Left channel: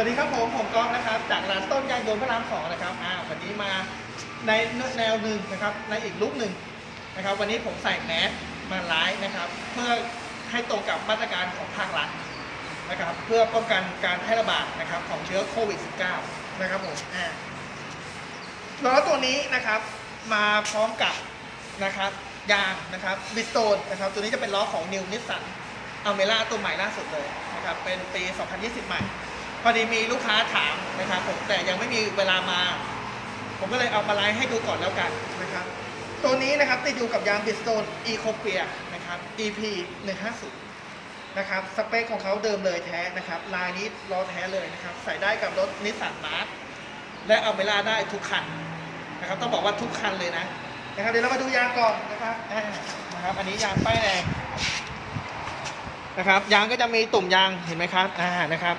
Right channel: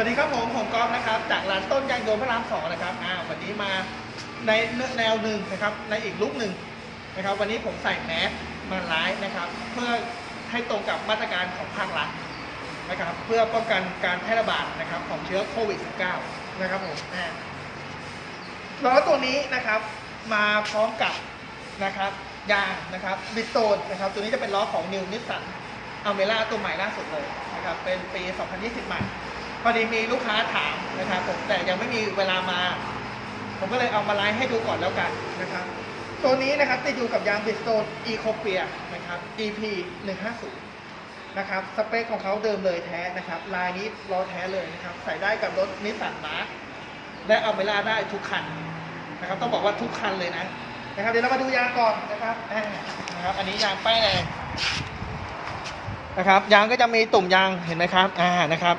วัสดีครับผมผมก๊อฟนะครับ จากร้านต้นยางยนต์พระรามสองนะครับอ่าวันนี้มาในแนวหนึ่งนะครับ ในอีกลุกหนึ่งนะครับ วันนี้ผมใส่แมสมาไลฟ์นะครับ เพื่อให้ตรงกับมาตรการของภาครัฐนะครับ เพื่อป้องกันการแพร่ระบาดนะครับ ของเชื้อโควิด -19 นะครับผมอ่าล้อตัวนี้นะครับมาพร้อมกับนะครับยางนะครับบิสโตนนะครับ ตัวนี้จะเป็นล้อของนิวนิสสันอเมร่าตัวใหม่ล่าสุดเลยนะครับ เป็นปี 2020 ใหม่ พอดีมีลูกค้าถามนะครับผมแต่ยังไม่มีเวลามา ผมก็เลยเอามาไลฟ์ให้ดูก่อนแล้วกันนะครับ ตัวนี้นะครับติดอยู่กับยางบิสโตนอีโคเปียนะครับ EP 150นะครับสเปคของเขาเดิมเลยแท้นะครับ ลายนี้ล้อแท้เลยนะครับ ใส่ได้กับรถนิสสันมาร์และเอาเมล่าได้ทุกคันนะครับ ต้องบอกว่าทุกคันเลยนะนะครับเดี๋ยวเรามาดูยางก่อนนะครับอ่นะครับ อันนี้ยางป้ายแดงนะครับ ยางก็จะมีตุ่มยางเห็นไหมครับอ่านะครับ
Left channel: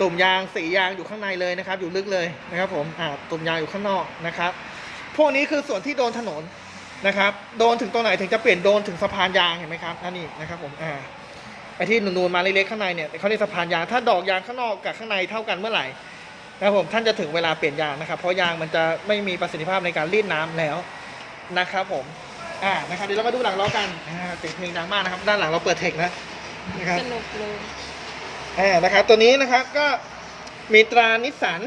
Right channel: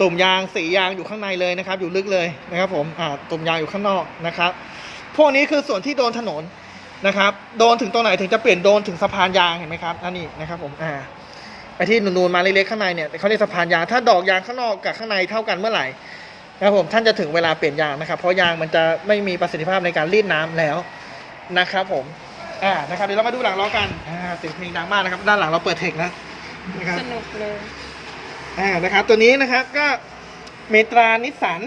ตุ่มยางสียางอยู่ข้างในเลยนะครับ อยู่ลึกเลยนะครับผมอ่าตุ่มยางอยู่ข้างนอกนะครับ พวกนี้คือส่วนที่โดนถนนนะครับ โดนถึงตรงไหนถึงจะเปลี่ยนโดนถึงสะพานยางเห็นไหมครับนั่นนี่นะครับผมอ่าไอ้ที่นูนๆมาเล็กๆข้างในเนี่ยเขาเรียกสะพานยางถ้าดอกยางข้างนอกกับข้างในเท่ากันเมื่อไหร่นะครับผมท่านจะถึงเวลาเปลี่ยนยางนะครับเพราะยางมันจะไม่มีประสิทธิภาพในการรีดน้ำแล้วนะครับผมอ่านะครับเดี๋ยวเรามาดูหลังล้อกันอ่าเสียงเพลงดังมากนะครับ ด้านหลังเราเปิดเทคนะนะครับสนุกเลย อ่านะครับตัวนี้นะครับก็มีตรานิสสัน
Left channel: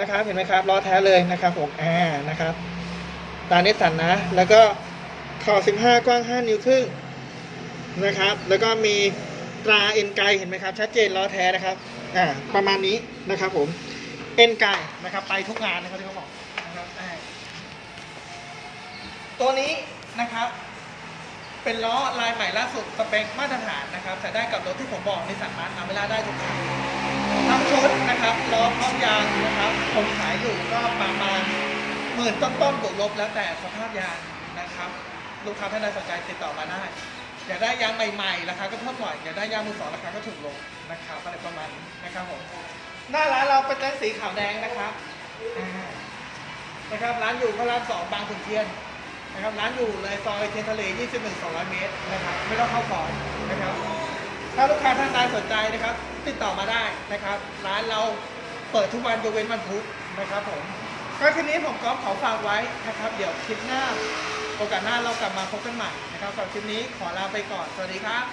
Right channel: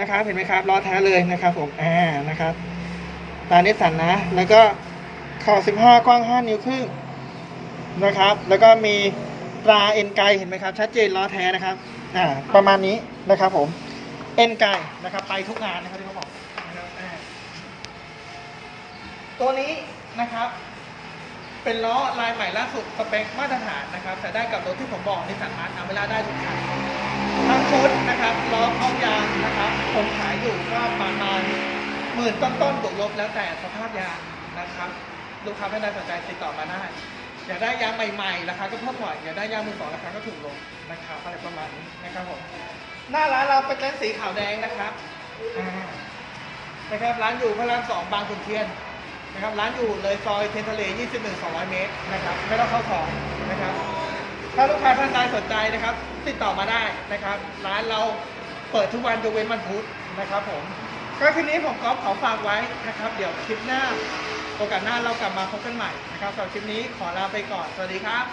นะครับเห็นไหมครับล้อแท้เลยนะครับผมอ่านะครับตรานิสสันนะ แล้วก็ขอบ15 กว้าง 5 นิ้วครึ่งนะครับ แล้วก็มีตราเอ็นไกเห็นไหมครับ ชัดเจนล้อแท้นะครับอ่าประมาณนี้นะครับผมเอ็นไกนะครับไปทุกงานนะครับที่เขาบอกนะครับตัวนี้นะครับ เป็นล้อลายใหม่ล่าสุดสเปคมาตรฐานนะครับใส่ได้กับรถที่ผมบอกนิสสันมาร์ทเอาเวลาได้ทุกคันทั้งชุดนะครับล้อพร้อมยางนะครับผมขายอยู่ก็ประมาณหมื่นต้นๆบวกลบแล้วแต่สภาพยางนะครับ ลูกค้าท่านใดสนใจติดต่อมาได้อยากได้ยางใหม่ๆราคาก็เพิ่มหน่อยอยากได้ยางมือสองราคาก็ถูกลงนะครับอะไรประมาณนี้นะครับผมหน้าร้านเราเป็นร้านสีขาวแดงนะครับนะครับร้านอยู่พระรามสองบางขุนเทียน นะครับร้านอยู่เลยซอยเทียนทะเล 21 200 เมตรนะครับไม่ต้องเข้าซอยนะครับ ถ้าลูกค้าท่านใดสนใจนะครับ ติดต่อมาได้นะครับ ร้านเราเปิดทุกวันยกเว้นวันพุธนะครับผมก็คืนี้ผมก๊อฟขอฝากไว้นะครับ เดี๋ยวคลิปหน้าโอกาสหน้าเรากลับมาพบกันใหม่นะครับสำหรับคลิปนี้ขอลาไปก่อน สวัสดีครับ